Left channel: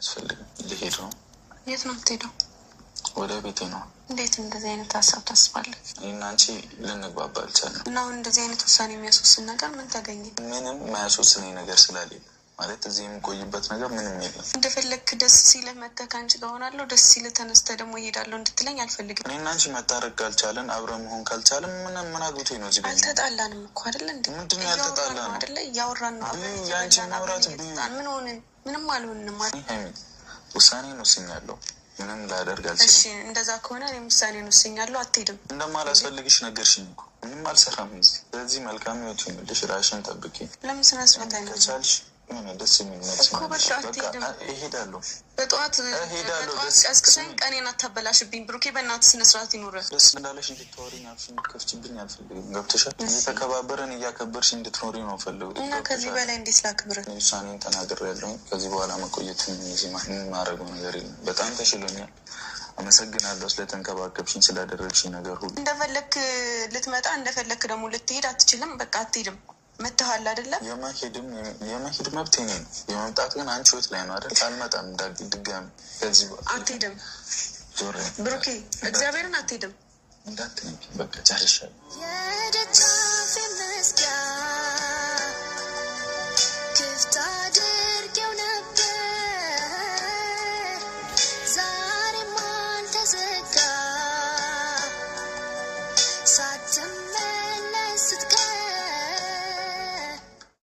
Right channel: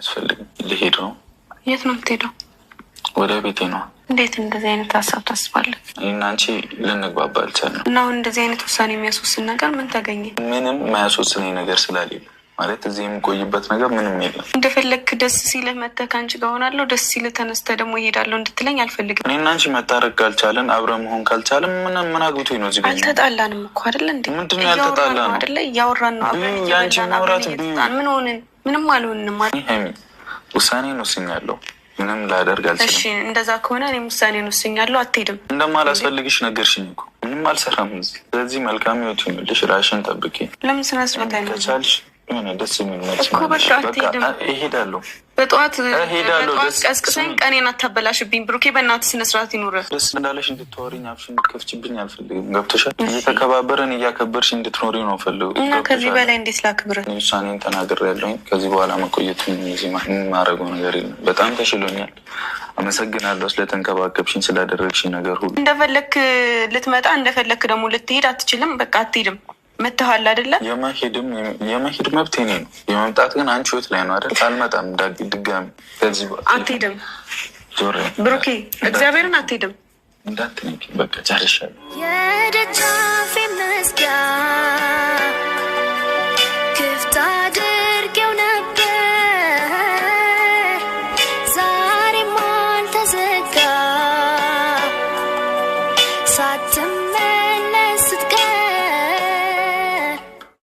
አያስፈልግም። ልሄድ ነው። የት ነው የምትሄደው? ወደ ቤቴ ነው። እንዴት እንደዚህ አይነት ሀሳብ ታስባለህ? እኔና አንቺ ልንግባባ አልቻልንም። እና አሁን እንደዚህ አይነት ውሳኔ የሚያስወስን ነገር ምን ተገኘ? ምንም የማያስወስነኝ ነገር ስላሌለ ማለት እዚህ የምቆይበት ነገር ምንም የለም። እንደፈለግክ ደስ ሲልህ መተህ ከአንቺ ጋር ሆናለሁ፣ ደስ ሲልህ ተነስተህ ደግሞ ይሄዳለሁ እንድትለኝ አልፈልግም። እኔና አንቺ መታረቅ ካልቻለን አብረን መሆን ካልቻለን ምን አግብቶኝ ነው እዚህ? አልተጣላንም እኮ አይደለ እንዴ? ምንድን ነው ያልተጣላን? አይደለ እያወራን ነው። የአንቺ ማውራት ምን ሆንን? ምንም አልሆንም። ውሳኔን ወስኛለሁ። ምንም ላደርግ አልችልም። እሺ እንደዛ ከሆነ እኔም ውሳኔን ወስኛለሁ። አትሄድም። እንደማላስፈልግሽ ነገርሽኝ እኮ ምንም አልሰራም እዚህ። ስለዚህ መልካም ህይወት ይሁንልሽ። ራሽን ጠብቂ። ለምን ስነ ስርዓት አይነሳልሽ? የሆነ ደስ የሚል መልስ እኮ በቃ አትሄድም። እሄዳለሁ። በጠዋት ቀስቅሰኝ ቀኔን አታበላሽብኝ ብሩኬ። በእናትህ ስነ ስርዓት ይኑርህ። ደስ እንዳለሽ እንድትወሪኝ አፍሽ እንድትከፍችብኝ አልፈልግም። ገብቶሻል? እየተከባበረን እያከበርሽ እንድትኖሪ ነው ፈልጉ እና ከዚህ በላይ እንዴት ላክብርህ? ውሳኔን ተናግሬያለሁኝ። ከዚህ በኋላ መቆየት የማደርገው ነገር የለም። በጣም ተሽሎኛል። አመሰግናለሁ ስለተንከባከብሽኝ፣ ስላደረግሽኝ ነገር ሁሉ። እንደፈለክ ልትመጣ እንደፈለክ ደግሞ ልትሄድ አትችልም። በቃ አትሄድም። መተሃል አይደለ? የመሄድ መብት እኔ ነው። የመምጣት ግን አንቺ ህይወት ላይ ነው አይደል? አልመጣም ድጋሚ። ከዚህ አትሄድም ብሩኬ፣ እግዚአብሔርን አትሄድም። እንዳትነቂ። በቃ ጨርሻለሁ። የደጃፌ መዝጊያ